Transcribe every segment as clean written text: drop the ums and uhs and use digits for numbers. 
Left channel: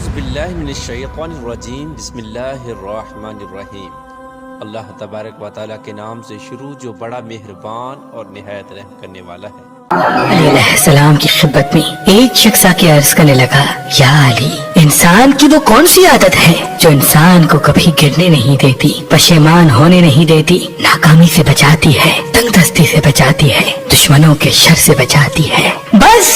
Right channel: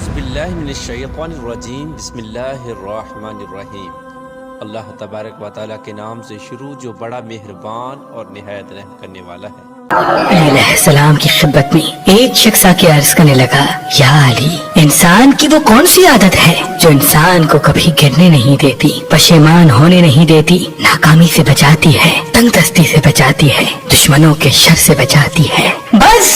اعوذ باللہ من الشیطان الرجیم بسم اللہ الرحمن الرحیم۔ اللہ تبارک و تعالیٰ کے نام سے شروع جو بڑا مہربان اور نہایت رحم کرنے والا ہے۔ علی علیہ السلام کی خدمت میں ایک شخص آ کے عرض کرنے لگا، یا علی، انسان کی وہ کون سی عادت ہے جو انسان کو کبھی گرنے نہیں دیتی، پشیمان ہونے نہیں دیتی، ناکامی سے بچاتی ہے، تنگ دستی سے بچاتی ہے، دشمنوں کے شر سے بچاتی ہے؟ بس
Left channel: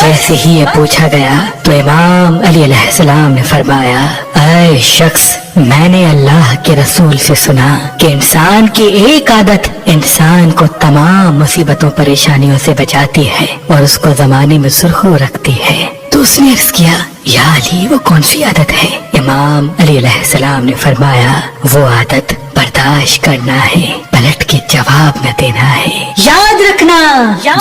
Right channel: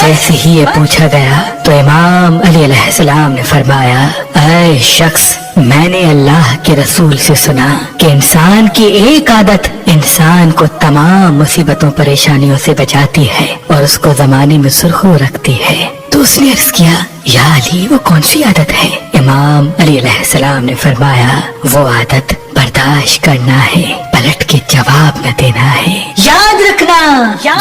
جیسے ہی یہ پوچھا گیا تو امام علی علیہ السلام نے فرمایا، اے شخص، میں نے اللہ کے رسول سے سنا کہ انسان کی ایک عادت انسان کو تمام مصیبتوں پریشانیوں سے بچاتی ہے اور اس کو زمانے میں سرخرو رکھتی ہے۔ تو اس نے عرض کیا، یا علی، وہ کون سی عادت ہے؟ امام علی علیہ السلام نے فرمایا، وہ عادت برداشت کرنا ہے، پلٹ کے جواب نہ دینا ہے۔ یاد رکھنا،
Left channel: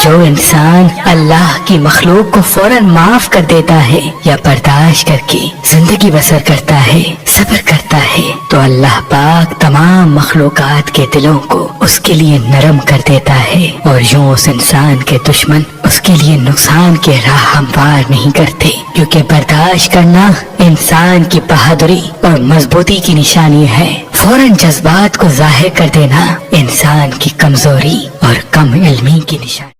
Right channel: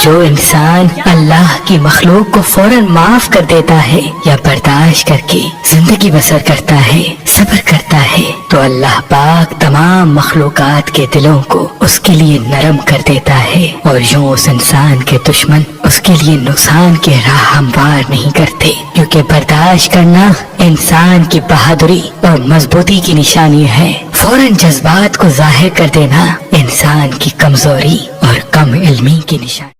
جو انسان اللہ کی مخلوق کو فوراً معاف کر دیتا ہے یا برداشت کر کے زندگی بسر کرتا ہے، صبر کرتا ہے، تو اللہ پاک تمام مخلوقات کے دلوں کو اس کے لیے نرم کر دیتا ہے، اور یوں اس انسان کے دشمن اس کے لیے نقصان کے راہ ہموار نہیں کرتے، کیونکہ برداشت کرنا انسان کی بہادری اور مضبوطی کی نشانی ہے۔ فوراً جذبات کو ظاہر کر دینا انسان کی کمزوری اور کم علمی کی نشانی۔